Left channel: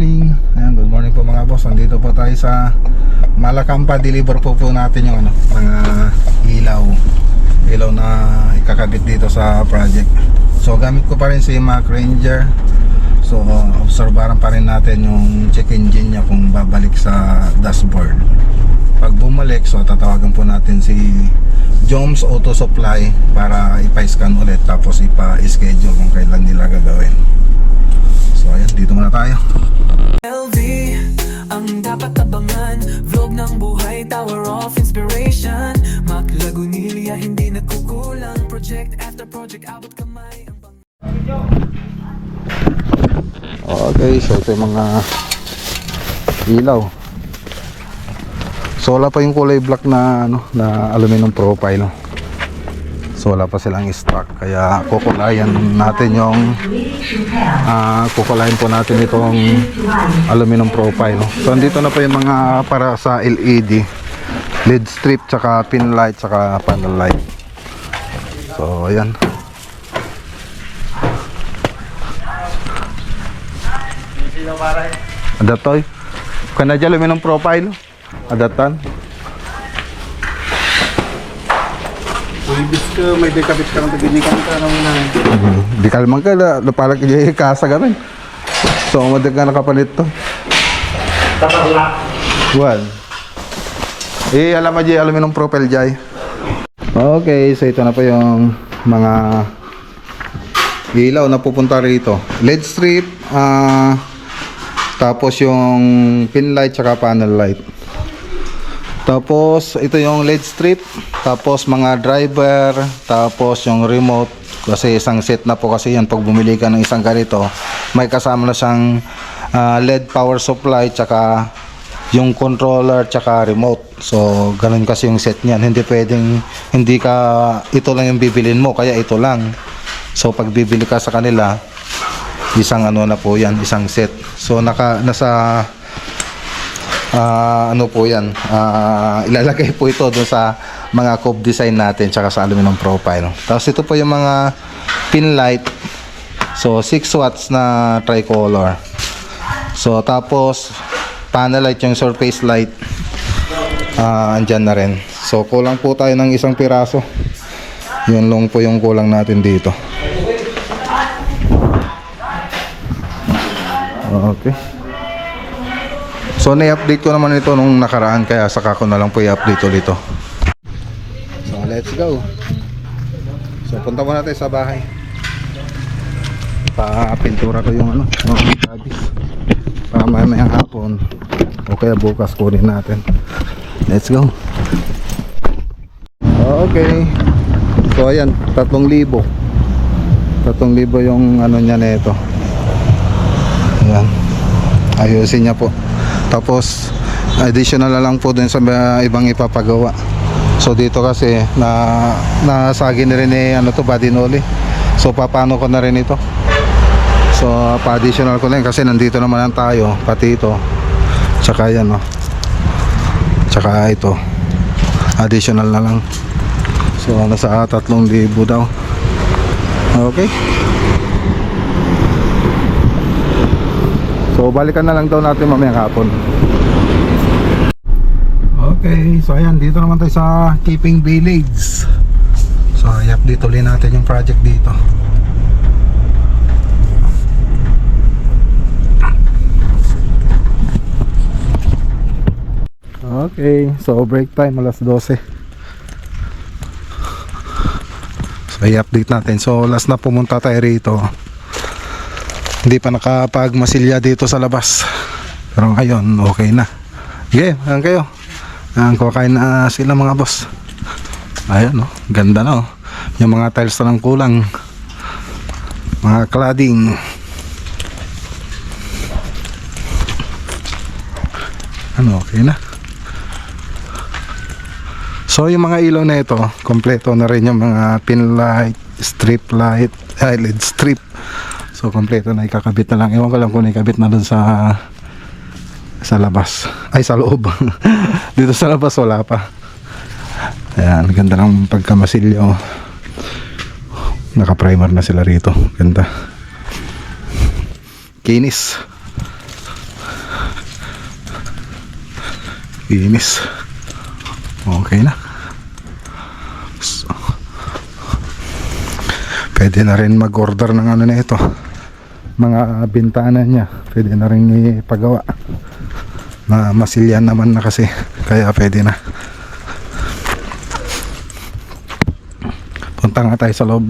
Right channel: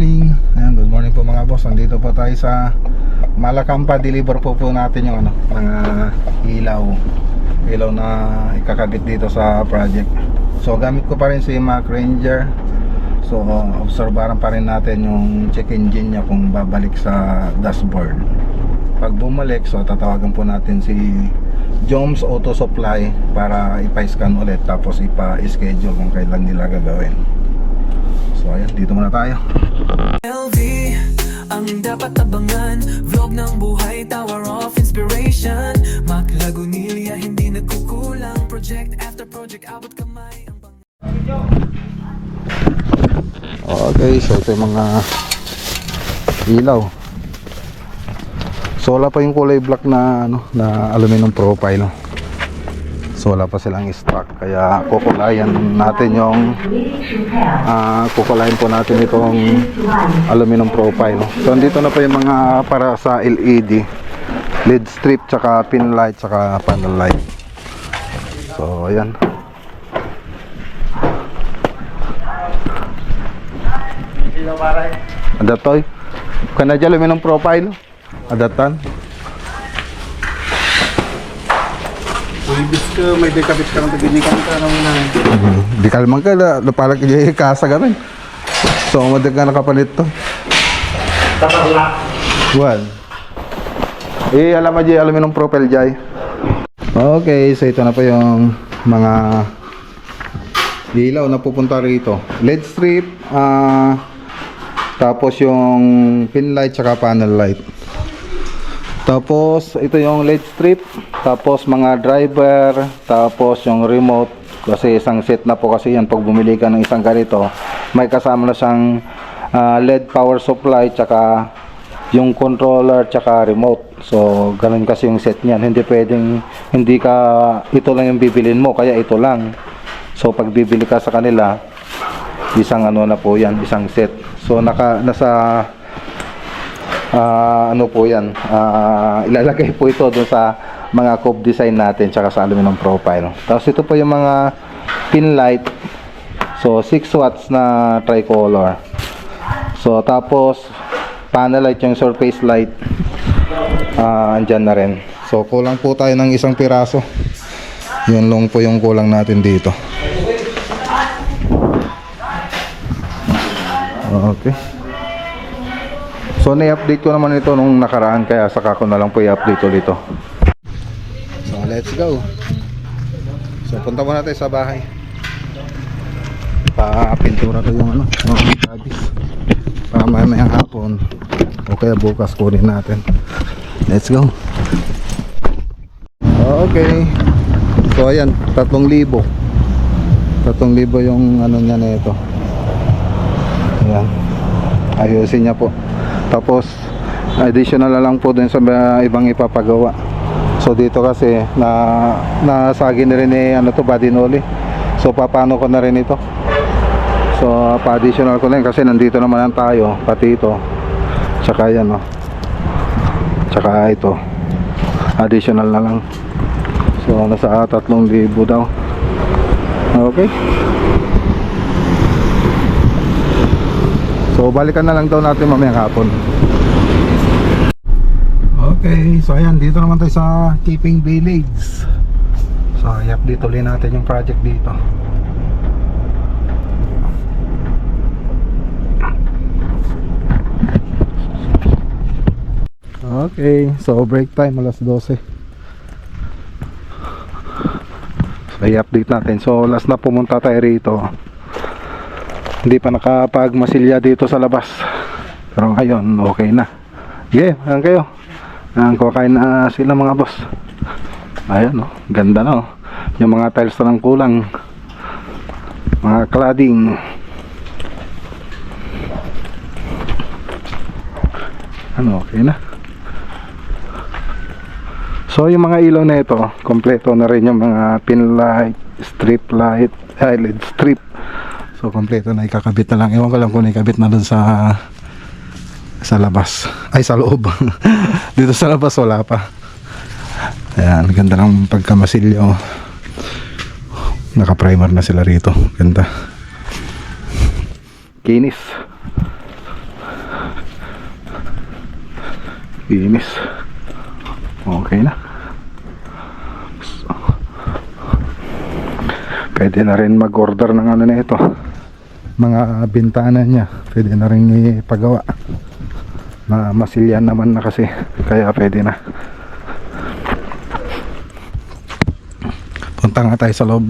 morning. Ayan, good morning po mga boss. Nandito po tayo sa Malacampa. Deliver po natin yung mga ilaw na ikakabit dito sa project. So gamit ko pa rin si Mac Ranger. So obserbaran pa rin natin yung check engine niya kung babalik sa dashboard. Pag bumalik, so tatawagan po natin si Joms Auto Supply para ipa-scan ulit, tapos ipa-schedule kung kailan nila gagawin. So ayan, dito muna tayo. LV, ang dapat abangan. Vlog ng buhay, tower of inspiration. Mac Lagunilla, hindi nagkukulang. Project after project, abot kamay ang Okay, so ito yung mga ilaw. So wala pa yung kulay black na na aluminum profile. So wala pa silang stock, kaya kukulayan natin yung kukulayan po natin itong aluminum profile. So andito na po yung mga para sa LED strip, tsaka pin light, tsaka panel light. So ayan. Adaptoy kana dyan aluminum profile adaptan. Ibig ka may dekabit ka ng tabinikan ka nang Di kalman ka napalak yung kasa gamin. So umadag ka nakapalit to. tatala. Well, alam mo dyan aluminum profile dyan. Okay, so ito na po yung mga ilaw na pupunta rito. LED strip, tapos yung pin light tsaka panel light. Tapos ito yung LED strip, tapos mga driver, tapos yung remote, kasi isang set na po kasi yan. Pag bumili ka ng isang ganito, may kasama na siyang LED power supply, tsaka yung controller, tsaka remote. So ganun kasi yung set niyan. Hindi pwedeng ito lang yung bibilin mo, kaya ito lang. So pag bibili ka sa kanila, isang na po yan, isang set. So nasa po yan, ilalagay po ito dun sa mga cove design natin, tsaka sa aluminum profile. Tapos ito po yung mga pin light. So 6 watts na tricolor. So tapos panel light, yung surface light, andyan na rin. So kulang po tayo ng isang piraso. Yun lang po yung kulang natin dito. Okay. So na-update ko naman ito nung nakaraan, kaya saka ko na lang po i-update ulit ito. So let's go. So punta muna tayo sa bahay. Pa-pintura ko yung mga tabis. Para mamayang hapon o kaya bukas kunin natin. Let's go. Okay. So ayan, 3,000 yung niya na ito. Ayan, ayusin niya po. Tapos additional na lang po dun sa ibang ipapagawa. So dito kasi nasagi na rin body nollie. So paano ko na rin ito. So pa-additional ko na rin kasi nandito naman tayo, pati ito. Tsaka yan tsaka ito. Additional na lang. So nasa 3,000 daw. Okay. So balikan na lang daw natin mamayang hapon. Okay, so ayan, dito naman tayo sa Keeping Village. So i-update ulit natin yung project dito. Okay, so break time alas 12. So i-update natin. So last na pumunta tayo rito, hindi pa nakapagmasilya dito sa labas, pero ngayon okay na. Okay, ayan kayo. Kakain na sila mga boss. Ayan ganda na yung mga tiles na lang kulang, mga cladding. Okay na. So yung mga ilaw na ito, kompleto na rin yung mga pin light, strip light, LED strip. So kompleto na, ikakabit na lang. Ewan ko lang kung ikabit na dun sa labas, ay sa loob. Dito sa labas wala pa. Ayan, ganda ng pagkamasilyo. Naka primer na sila rito, ganda. Kinis. Inis. Okay na. So, pwede na rin mag-order ng ano na ito. Mga bintana niya. Pwede na rin ipagawa. Na masilyan naman na kasi. Kaya pwede na. Punta nga tayo sa loob.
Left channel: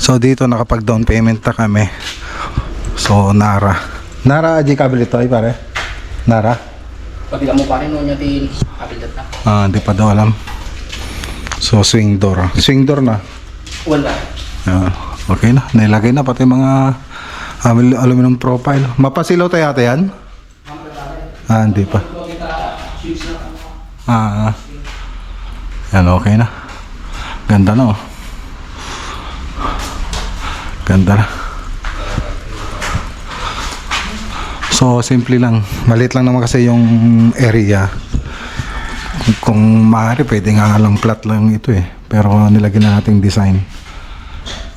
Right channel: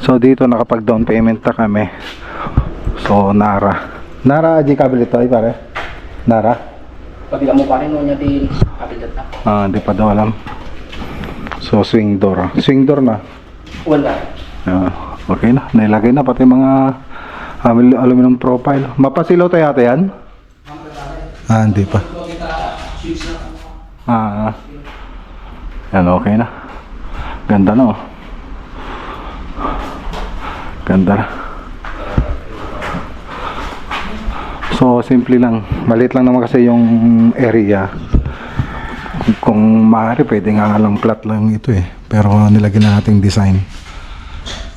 So dito nakapag down payment na kami. So Nara Aji kabel ito ay pare. Nara. Pagila mo pa rin no niya din kabilat na. Hindi pa daw alam. So swing door na. Wala. Okay na. Nailagay na pati mga aluminum profile. Mapasilaw tayo ata yan? Hindi pa. Yan okay na. Ganda no. Ganda na. So simple lang. Maliit lang naman kasi yung area. Kung maaari pwede nga lang flat lang ito eh. Pero nilagyan na nating design.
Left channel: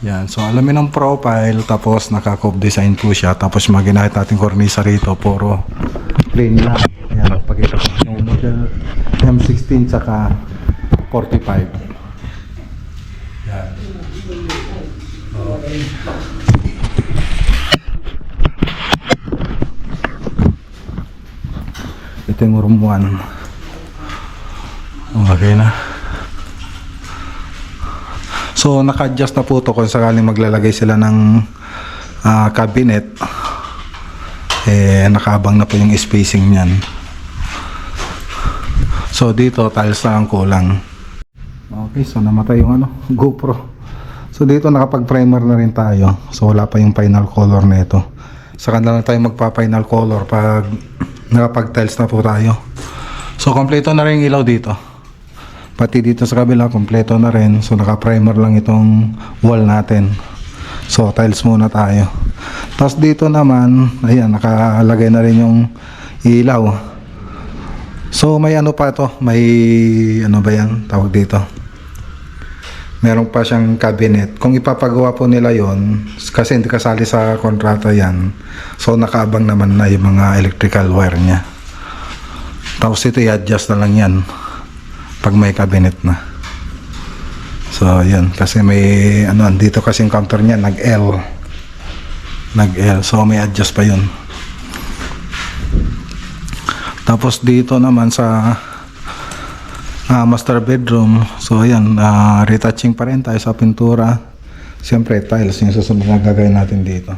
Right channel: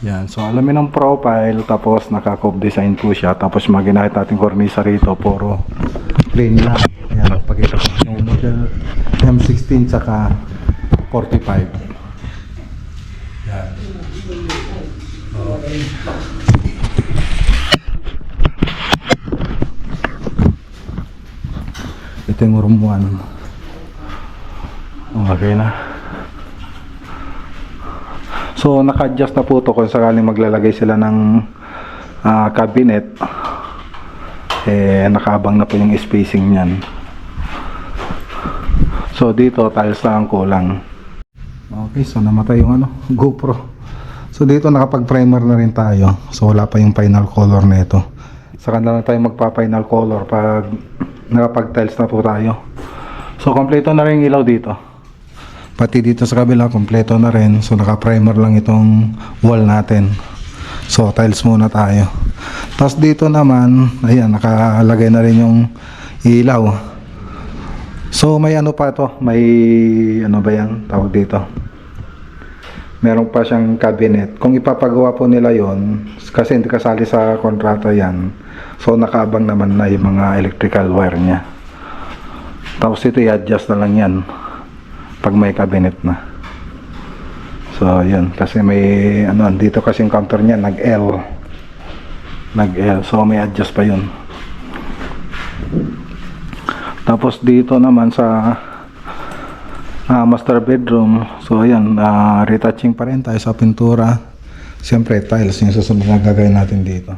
Yan. So alamin ng profile. Tapos naka-cove design po siya. Tapos maginahit natin cornisa rito. Puro plain lang. Yan. Pagkita ko yung model M16 saka 45. Yan. Okay. Ito yung room 1. Okay na. So naka-adjust na po ito kung sakaling maglalagay sila ng cabinet. Nakaabang na po yung spacing niyan. So dito tiles lang ang kulang. Okay, so namatay yung GoPro. So dito nakapag-primer na rin tayo. So wala pa yung final color na ito. Saka na lang tayo magpa-final color pag nakapag-tiles na po tayo. So kompleto na rin yung ilaw dito. Pati dito sa kabila kompleto na rin. So naka-primer lang itong wall natin. So tiles muna tayo. Tapos dito naman, ayan, nakalagay na rin yung ilaw. So may ano pa to, may ano ba yan tawag dito? Meron pa siyang cabinet. Kung ipapagawa po nila yon, kasi hindi kasali sa kontrata yan, so nakaabang naman na yung mga electrical wire niya. Tapos ito i-adjust na lang yan pag may cabinet na. So yun, kasi may ano, dito kasi yung counter niya nag-L, so may adjust pa yun. Tapos dito naman sa master bedroom, so ayan, retouching pa rin tayo sa pintura. Siyempre tiles yung susunod na gagawin natin dito.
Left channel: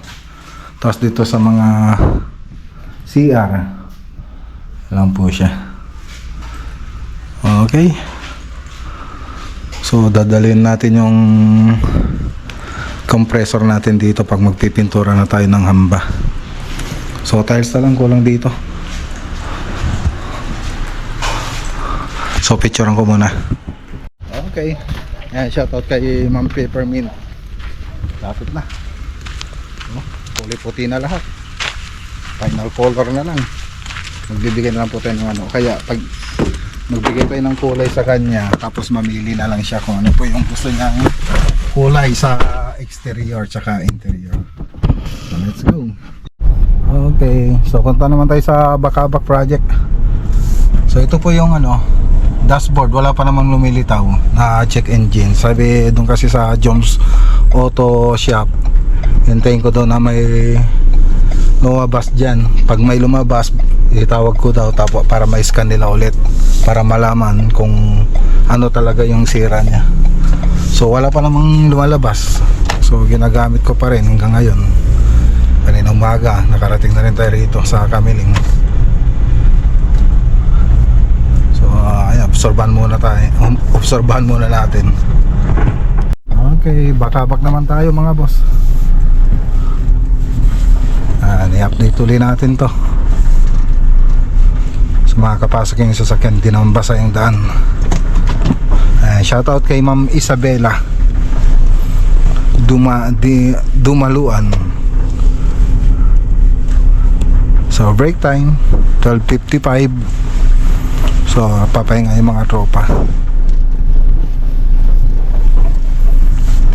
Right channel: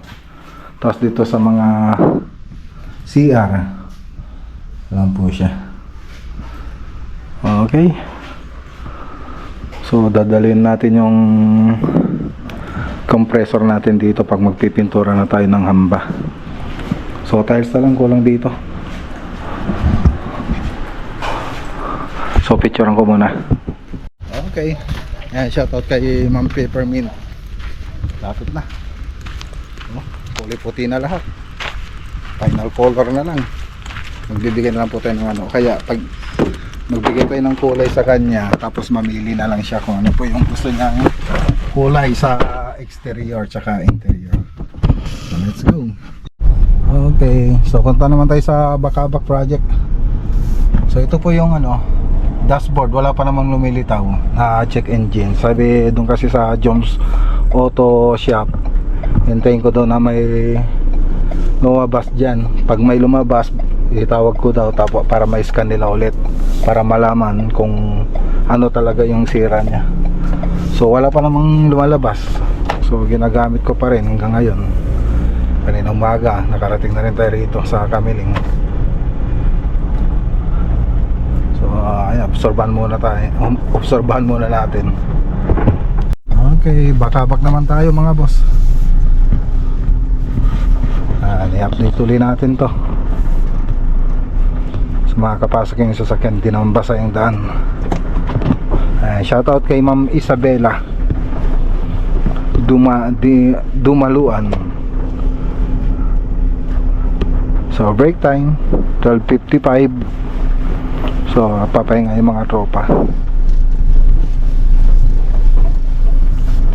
Tapos dito sa mga CR, alam po siya. Okay, so dadalhin natin yung compressor natin dito pag magpipintura na tayo ng hamba. So tiles na lang kulang dito. So picturean ko muna. Okay. Ayan, shoutout kay Ma'am Peppermint. Lapit na. Kulay puti na lahat. Final color na lang. Magbibigay na lang po tayo ng ano. Kaya pag magbigay tayo ng kulay sa kanya, tapos mamili na lang siya kung ano po yung gusto niyang kulay sa exterior tsaka interior. So let's go. Okay. So punta naman tayo sa Bakabak project. So ito po yung ano, dashboard, wala pa namang lumilitaw na check engine. Sabi doon kasi sa Jones Auto Shop, hintayin ko daw na may lumabas dyan. Pag may lumabas, itawag ko daw tapos para ma-scan nila ulit para malaman kung ano talaga yung sira niya. So wala pa namang lumalabas. So ginagamit ko pa rin hanggang ngayon. Kanina umaga, nakarating na rin tayo rito sa Kamiling. Obserbahan muna tayo. Obserbahan muna natin. Okay, bakabak naman tayo mga boss. I-update tuloy natin to. So makakapasok yung sasakyan, di naman basa yung daan. Shoutout kay Ma'am Isabela Dumaluan. So break time 12:55. So papahinga yung mga tropa.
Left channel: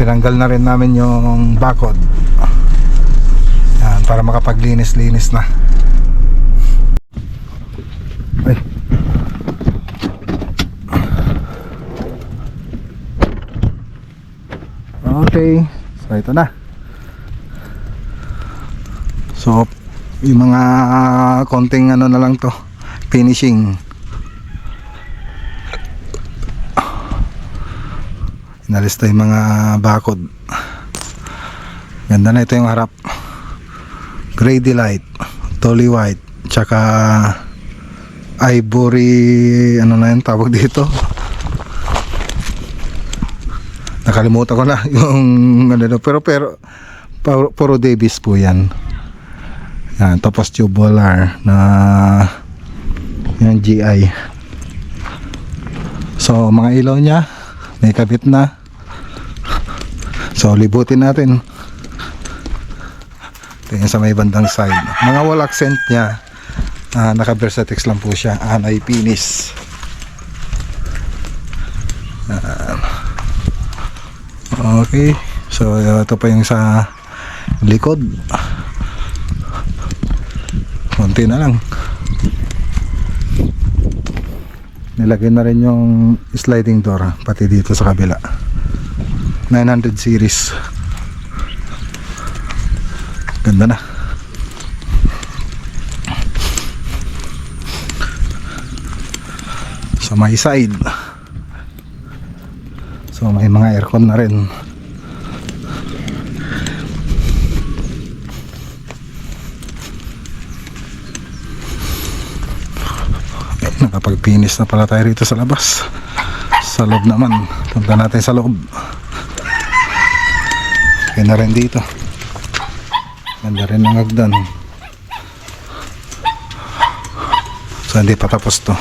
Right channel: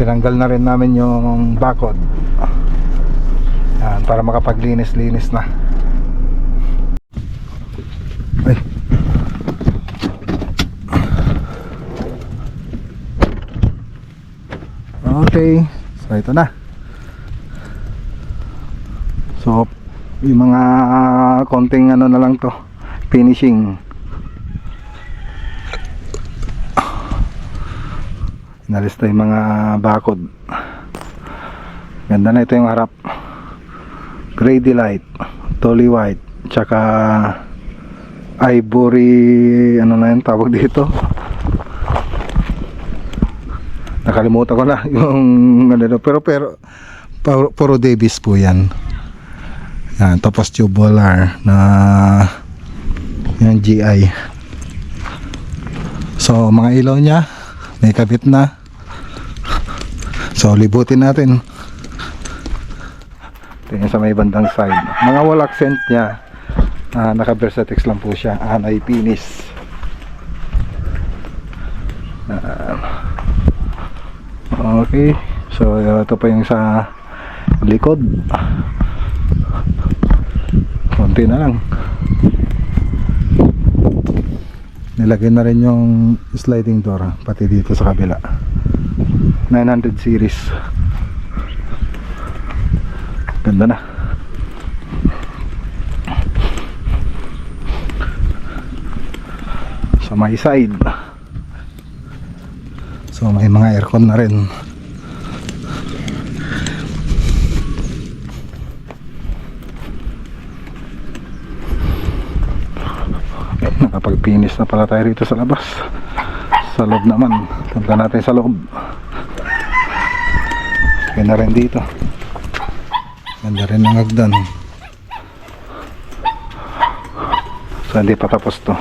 tinanggal na rin namin yung bakod. Yan, para makapaglinis-linis na. Ay. Okay, so ito na. So yung mga konting ano na lang to, finishing. Inalis na yung mga bakod. Ganda na ito yung harap. Grady light, Tolly white, tsaka ivory, ano na yun tawag dito. Nakalimutan ko na yung ano, pero puro Davis po yan. Yan, tapos tubular na yung GI. So mga ilaw nya may kabit na. So libutin natin. Tingnan sa may bandang side. Mga wall accent nya, naka Versatex lang po siya, anay finish. Okay, so ito pa yung sa likod. Konti na lang. Nilagay na rin yung sliding door pati dito sa kabila. 900 series. Ganda na. Sa may side, so may mga aircon na rin. Nakapag-finish na pala tayo rito sa labas. Sa loob naman, punta natin sa loob. Okay na rin dito. Ganda rin ang hagdan. So hindi pa tapos to.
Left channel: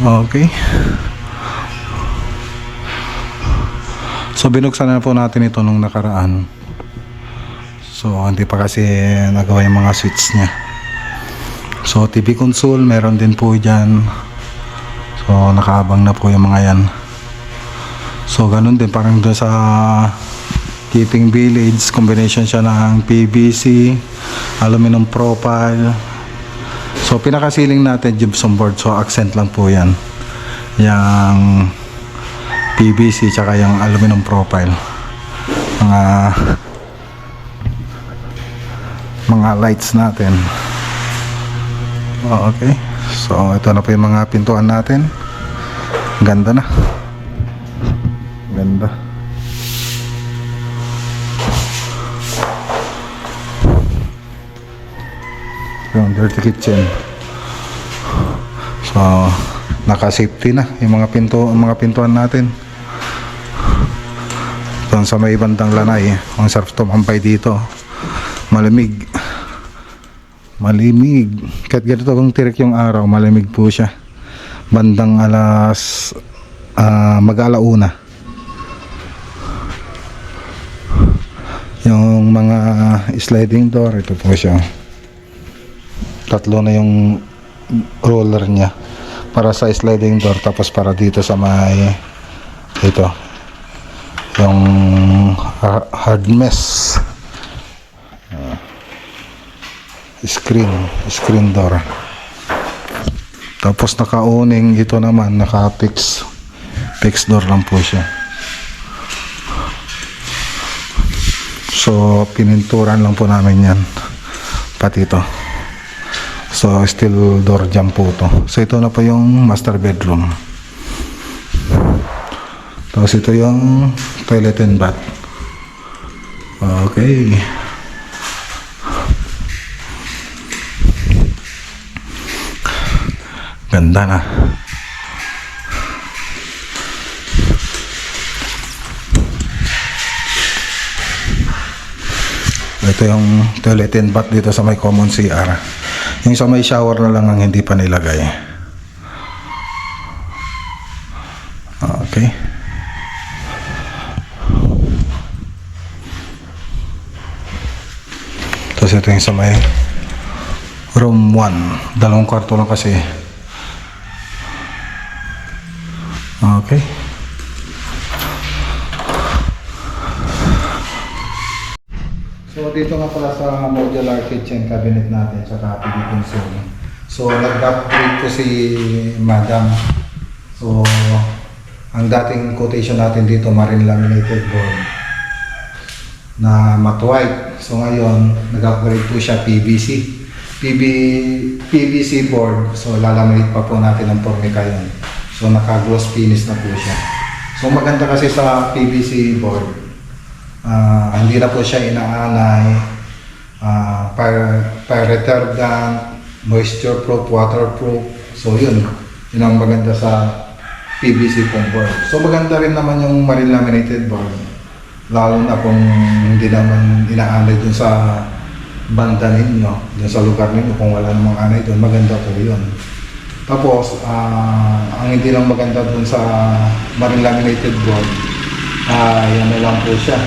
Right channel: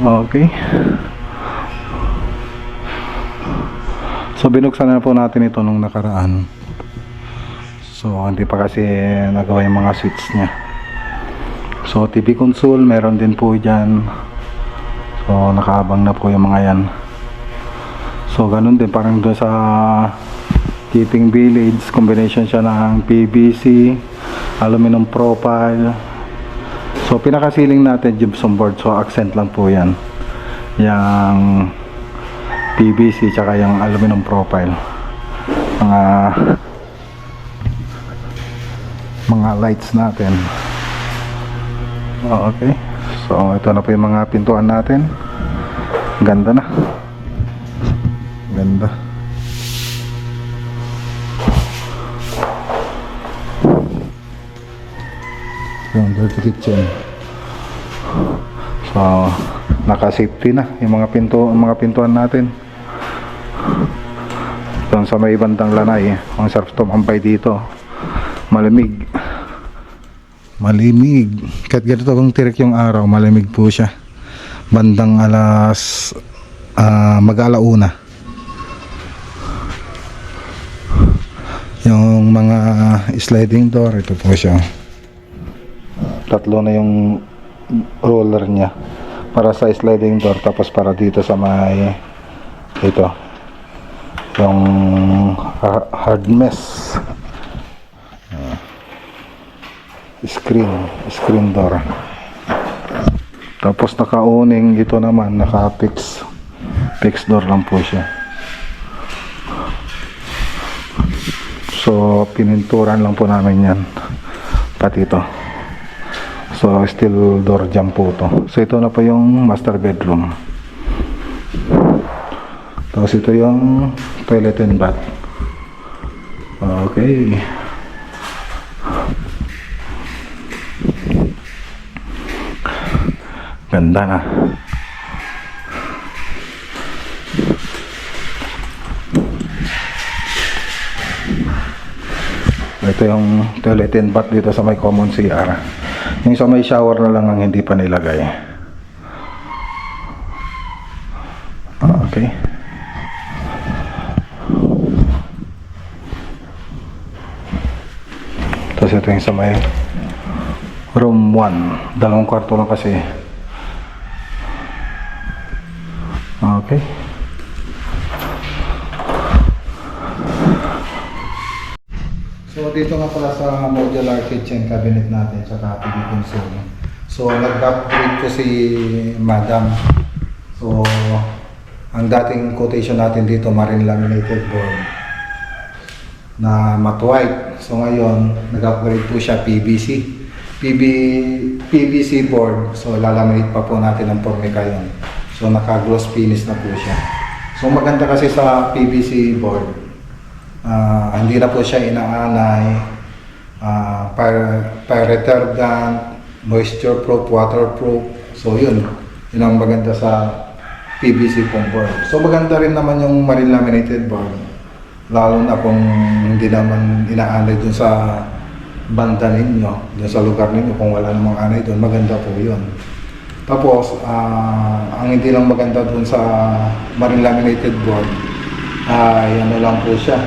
Okay. So binuksan na po natin ito nung nakaraan. So hindi pa kasi nagawa yung mga switch nya. So TV console meron din po dyan. So nakaabang na po yung mga yan. So ganun din parang doon sa Keeping Village, combination siya ng PVC, aluminum profile. So pinakasiling natin gypsum board, so accent lang po yan, yung PVC tsaka yung aluminum profile. Mga lights natin. Okay, so ito na po yung mga pintuan natin. Ganda na, ganda. Yung dirty kitchen. So naka-safety na yung mga pintuan natin. Doon sa may bandang lanay, ang sarap tumampay dito. Malamig. Kahit ganito kung tirik yung araw, malamig po siya. Bandang mag-alauna. Yung mga sliding door, ito po siya. Tatlo na yung roller nya para sa sliding door, tapos para dito sa may ito yung hard mesh screen door. Tapos naka-owning ito naman, naka-fix door lang po siya. So pininturan lang po namin yan pati ito. So steel door jam po to. So ito na po yung master bedroom. Tapos ito yung toilet and bath. Okay. Ganda na. Ito yung toilet and bath dito sa may common CR. Yung sa may shower na lang ang hindi pa nilagay. Okay. Tapos ito yung sa may room 1. Dalawang kwarto lang kasi. Okay. So dito nga pala sa modular kitchen cabinet natin sa TV console. So nag-upgrade po si Madam. So ang dating quotation natin dito marine laminated board na matte white. So ngayon nag-upgrade po siya PVC board. So lalaminate pa po natin ng Formica yun. So naka-gloss finish na po siya. So maganda kasi sa PVC board, hindi na po siya inaanay, fire retardant, moisture proof, waterproof. So yun ang maganda sa PVC foam board. So maganda rin naman yung marine laminated board, lalo na kung hindi naman inaanay dun sa banda ninyo, dun sa lugar ninyo, kung wala namang anay dun, maganda po yun. Tapos, ang hindi lang maganda dun sa marine laminated board, ano lang po siya,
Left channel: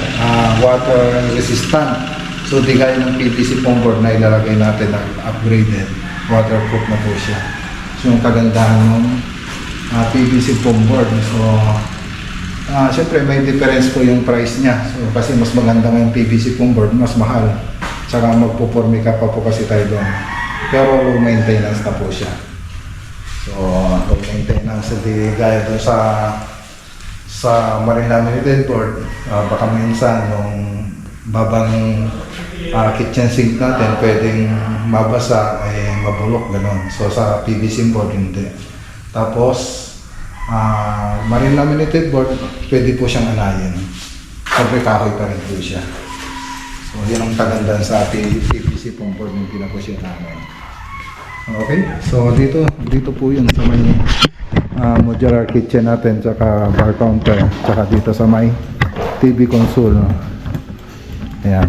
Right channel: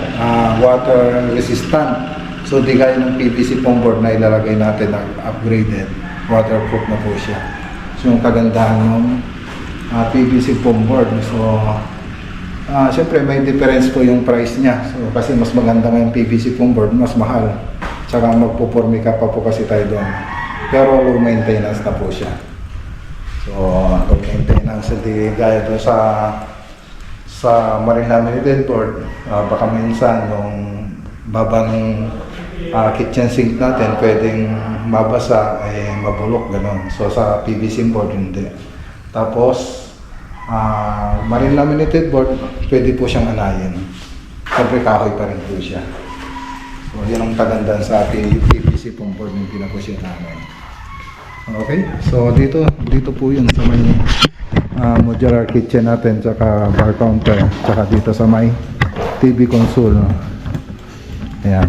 water resistant. So, di gaya ng PVC foam board na ilalagay natin na upgraded, waterproof na po siya. So, yung kagandahan ng PVC foam board. So, syempre may difference po yung price niya. So, kasi mas maganda nga yung PVC foam board, mas mahal. Tsaka magpo-Formica pa po kasi tayo doon. Pero low maintenance na po siya. So, low maintenance, hindi gaya doon sa marine laminated board. Baka minsan nung babang kitchen sink natin pwedeng mabasa, mabulok, gano'n. So, sa PVC board hindi. Tapos, marine laminated board, pwede po siyang anayin. Siyempre kahoy pa rin po siya. So, yan ang kagandahan sa PVC foam board, hindi na po siya anayin. Okay, so dito po yun sa may modular kitchen natin, tsaka bar counter, tsaka dito sa may TV console. Ayan.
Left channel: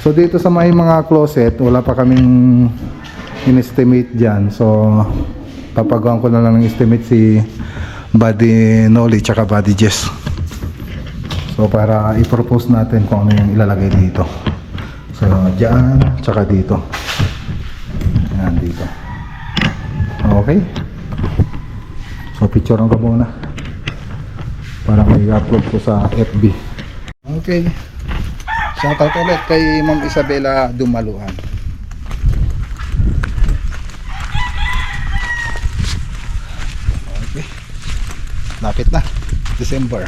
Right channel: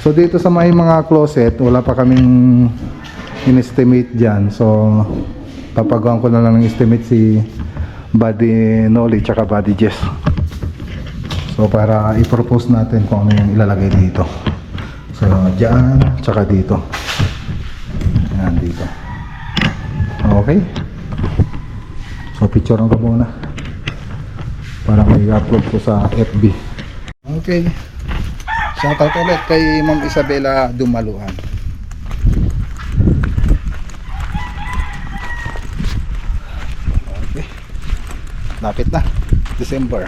So dito sa may mga closet, wala pa kaming in-estimate dyan. So papagawan ko na lang ng estimate si Buddy Nolly tsaka Buddy Jess. So para i-propose natin kung ano yung ilalagay dito. So dyan, tsaka dito. Ayan, dito. Okay. So picture ko muna para may upload ko sa FB. Okay. Shoutout ulit kay Ma'am Isabela Dumaluan. Okay. Lapit na. December.